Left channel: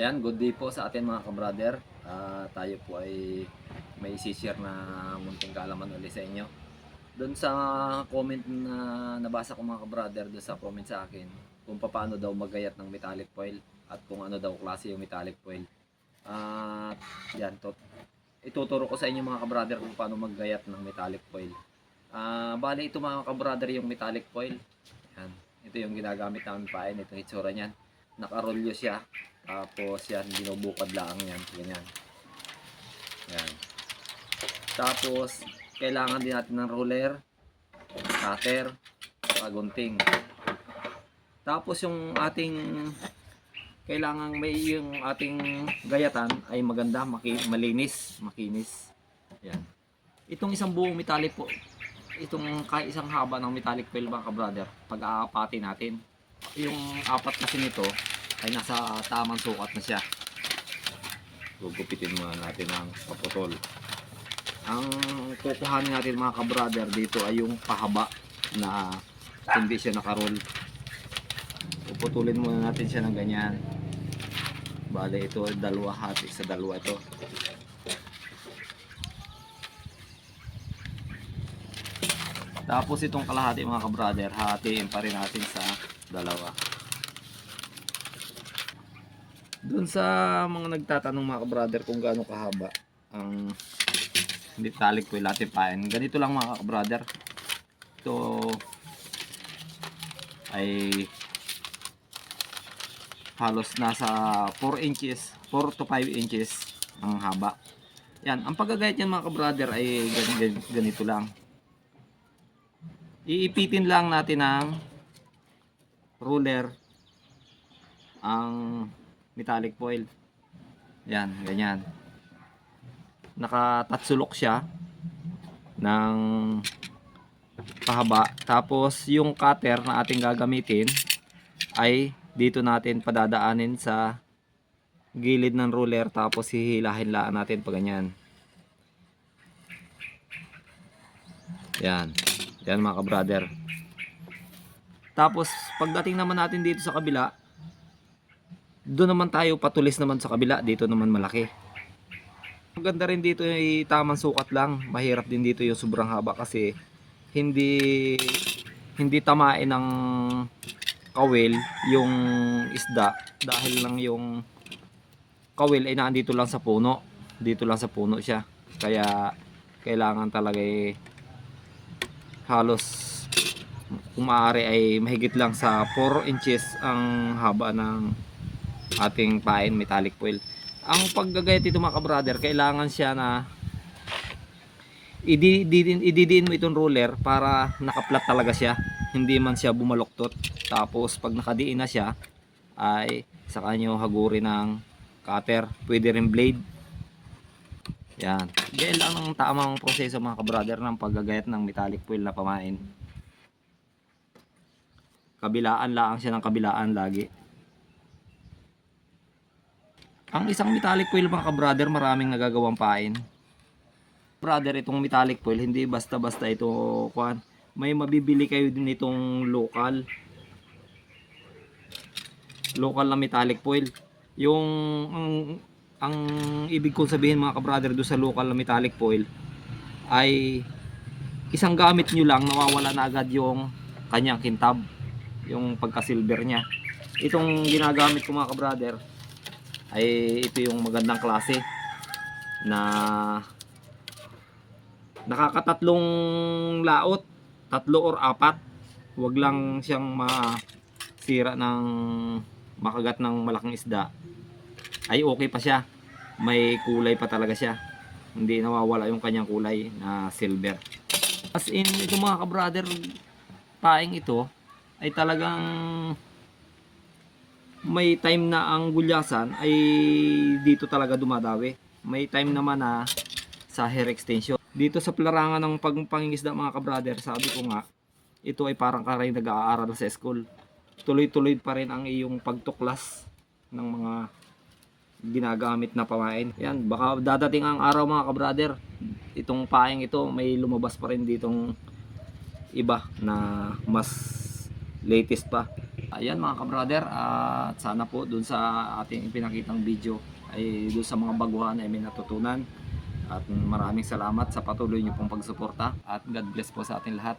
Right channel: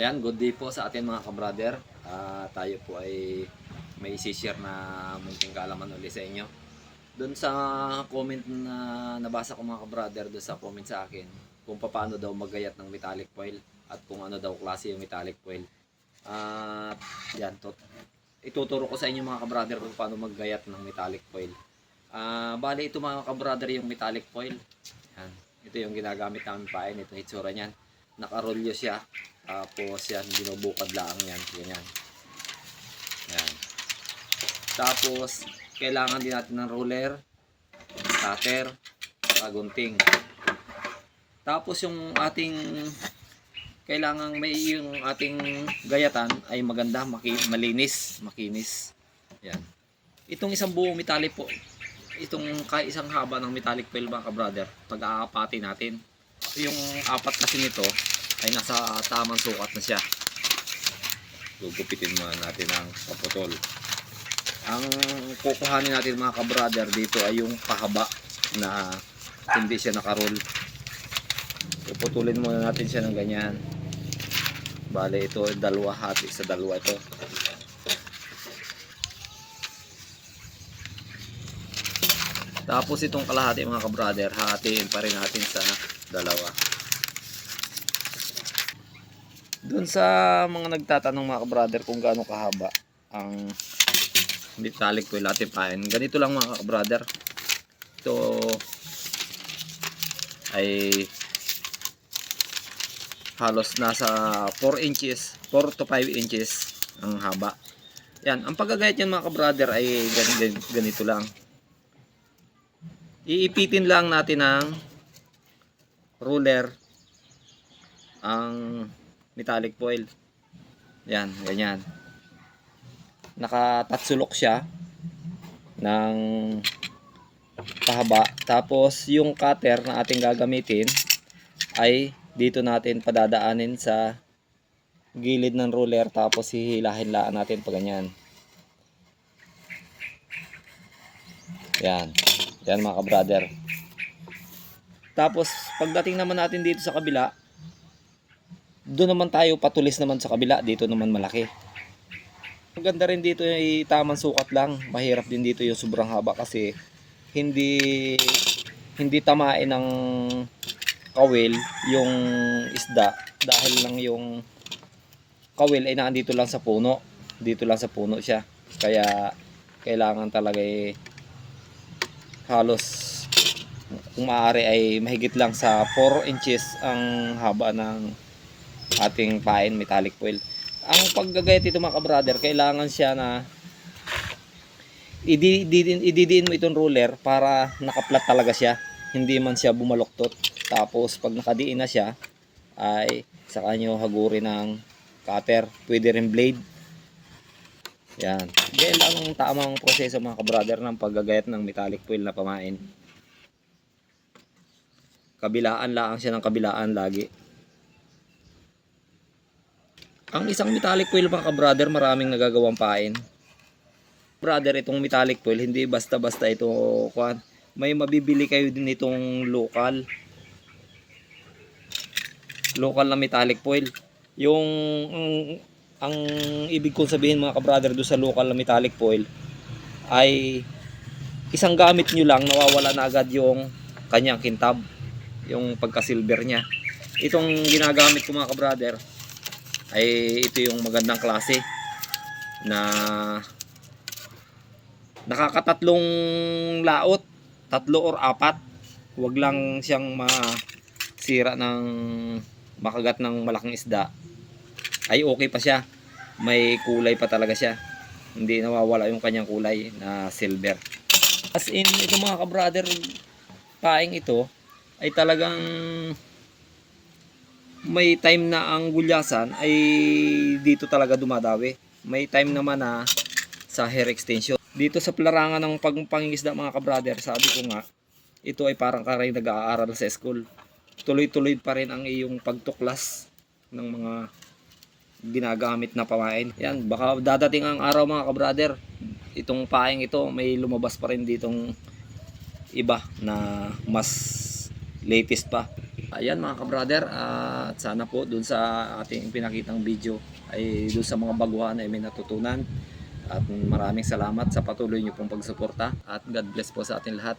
Ayan, good day po sa atin mga kabrader. Tayo po ay may isi-share na munting kaalaman ulit sa inyo. Doon sa comment na nabasa ko mga kabrader, doon sa comment sa akin, kung paano daw maggayat ng metallic foil at kung ano daw klase yung metallic foil. Yan, ituturo ko sa inyo mga kabrader kung paano maggayat ng metallic foil. Bali ito mga kabrader yung metallic foil. Yan, ito yung ginagamit namin pain, ito yung itsura niyan. Nakarolyo siya. Tapos yan, binubukad lang yan. Ganyan. Yan. Tapos, kailangan din natin ng roller, cutter, gunting. Tapos yung ating kailangan may yung ating gayatan ay maganda, malinis, makinis. Yan. Itong isang buong metallic po, itong isang haba ng metallic foil mga ka-brother, pag-aapati natin. Yung apat kasi nito ay nasa tamang sukat na siya. Gugupitin muna natin ang paputol. Ang kukuhanin natin mga ka-brother dito ay yung pahaba na hindi siya nakaroll. Puputulin muna natin siya ng ganyan. Bale ito dalawa, hati sa dalawa ito. Tapos itong kalahati mga ka-brother, hatiin pa rin natin sa dalawa. Doon sa mga nagtatanong mga ka-brother kung gaano kahaba ang metallic foil natin pain, ganito lang mga ka-brother. Ito ay halos nasa 4 inches, 4 to 5 inches ang haba. Yan, ang paggagayat niyan mga ka-brother ay ganito lang. Iipitin lang natin ng ruler ang metallic foil. Yan, ganyan. Nakatatsulok siya ng pahaba. Tapos yung cutter na ating gagamitin ay dito natin padadaanin sa gilid ng ruler, tapos hihilahin lang natin pa ganyan. Yan. Yan mga ka-brother. Tapos pagdating naman natin dito sa kabila, doon naman tayo patulis naman sa kabila, dito naman malaki. Ang ganda rin dito ay tamang sukat lang. Mahirap din dito yung sobrang haba kasi hindi tamain ng kawil yung isda, dahil lang yung kawil ay nandito lang sa puno. Dito lang sa puno siya. Kaya kailangan talaga halos kung maaari ay mahigit lang sa 4 inches ang haba ng ating pain metallic foil. Ang paggagayat ito mga ka-brother, kailangan siya na ididiin mo itong ruler para nakaplat talaga siya, hindi man siya bumaluktot. Tapos pag nakadiin na siya ay saka nyo hagurin ng cutter, pwede rin blade. Yan, yan lang ang tamang proseso mga ka-brother ng paggagayat ng metallic foil na pamain. Kabilaan lang siya ng kabilaan lagi. Ang isang metallic foil mga ka-brother, maraming nagagawang pain. Brother, itong metallic foil hindi basta-basta ito kuan. May mabibili kayo din itong local na metallic foil. Yung ang ibig kong sabihin mga ka-brother do sa local na metallic foil ay isang gamit nyo lang nawawala na agad yung kanyang kintab, yung pagka-silver niya. Itong ginagamit ko mga ka-brother ay ito yung magandang klase na nakakatatlong laot, 3 or 4. Huwag lang siyang masira ng makagat ng malaking isda, ay okay pa siya, may kulay pa talaga siya, hindi nawawala yung kanyang kulay na silver. As in ito mga ka-brother, paing ito ay talagang may time na ang gulyasan ay dito talaga dumadawi. May time naman na sa hair extension. Dito sa pelarangan ng pagpangingisda mga ka-brother, sabi ko nga, ito ay parang karay nag-aaral sa school. Tuloy-tuloy pa rin ang iyong pagtuklas ng mga ginagamit na pamain. Yan, baka dadating ang araw mga ka-brother, itong paing ito may lumabas pa rin ditong iba na mas latest pa. Ayan mga ka-brother, at sana po dun sa ating pinakitang video ay dun sa mga baguhan ay may natutunan. At maraming salamat sa patuloy niyo pong pagsuporta at God bless po sa ating lahat.